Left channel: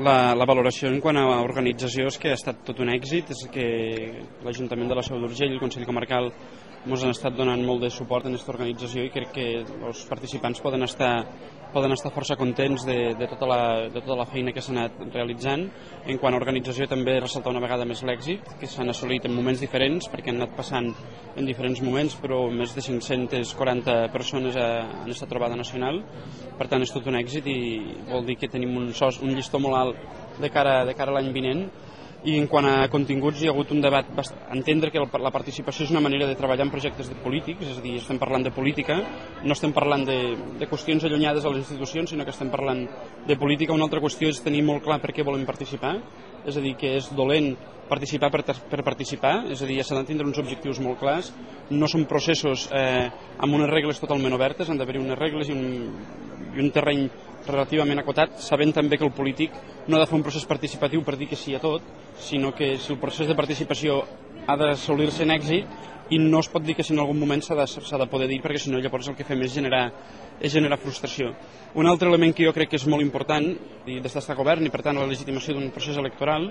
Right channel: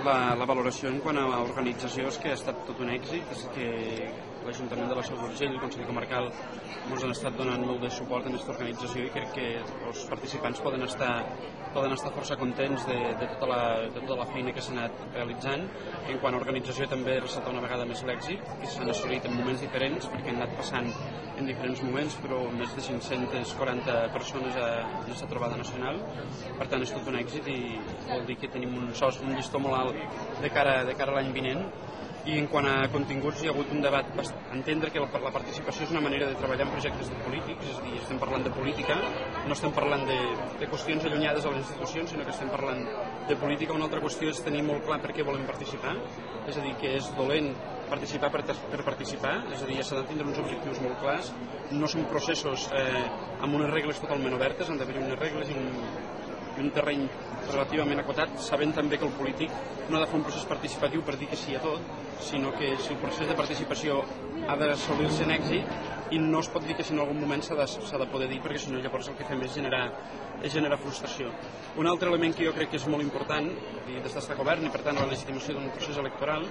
La valoració en quant a organització és que ha estat tot un èxit, és que l'Ajuntament de la Seu d'Urgell i el Consell Comarcal ens han estat donant molt de suport en aquesta organització i crec que els participants poden estar força contents de tota la feina que s'ha anat realitzant. En quant a organització també ressaltar una vegada més l'èxit, que s'han assolit en moments diferents, perquè han anat passant en diferents moments, però més de 540 persones en aquesta trobada nacional. Per tant, és tot un èxit i vol dir que tenim un llistó molt alt de cara a l'any vinent. I en quant a continguts, hi ha hagut un debat, entendre que la participació és una manera de treballar en projectes polítics, és a dir, estem parlant de política, no estem parlant de qüestions allunyades a les institucions, sinó que estem parlant de política. Una altra qüestió és tenir molt clar per què volem participar, és a dir, que és dolent participar per participar, és a dir, s'han de tindre uns objectius molt clars, no són processos amb unes regles totalment obertes, han d'haver-hi unes regles i un terreny relativament acotat, sabent també que el polític no ha de fer un procés participatiu per dir que sí a tot, sinó que si el procés de participació ha d'assolir-se en èxit i no es pot dir que si en algun moment s'ha de poder dir, perquè si no llavors el que fem és generar frustració. Un altre element que jo crec que és molt important des d'estar govern i per tant la legitimació d'un procés electoral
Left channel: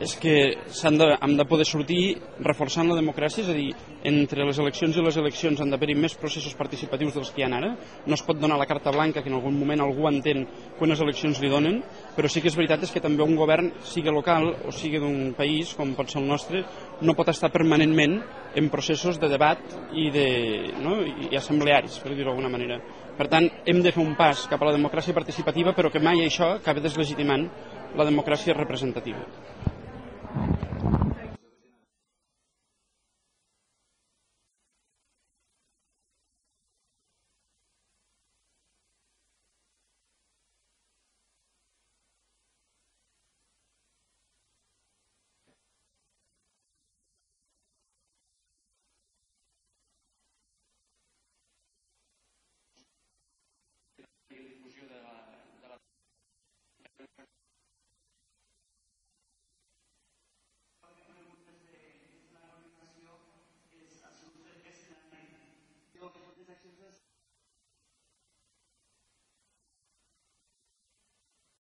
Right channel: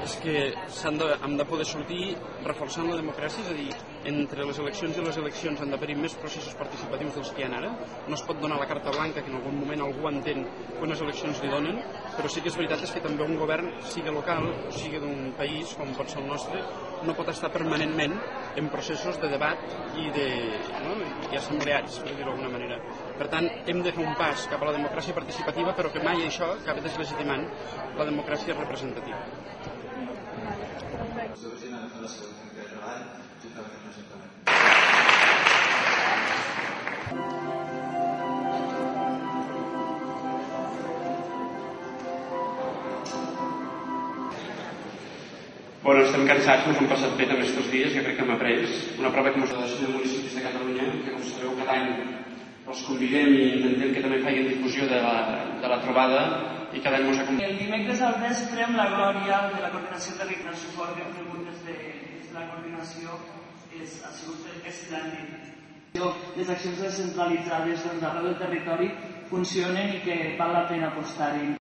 és que hem de poder sortir reforçant la democràcia, és a dir, entre les eleccions i les eleccions han d'haver-hi més processos participatius dels que hi ha ara. No es pot donar la carta blanca que en algun moment algú entén que unes eleccions li donen, però sí que és veritat que també un govern, sigui local o sigui d'un país com pot ser el nostre, no pot estar permanentment en processos de debat i assemblearis, per dir-ho d'alguna manera. Per tant, hem de fer un pas cap a la democràcia participativa, però que mai això acabi deslegitimant la democràcia representativa. Bueno, estem cansats, ens hem passat bé també aquests dies, jo crec que hem après una prova que ens ha de municipis de Catalunya, que com sabeu cada any els convidem i intentem que també facin difusió de la trobada i cada any ens acompanyem. El dimecres al vespre amb la Glòria de la Coordinació Territorial Suport que hem rebut des de la coordinació ha sigut esplèndid. Les accions descentralitzades arreu del territori funcionen i que val la pena apostar-hi.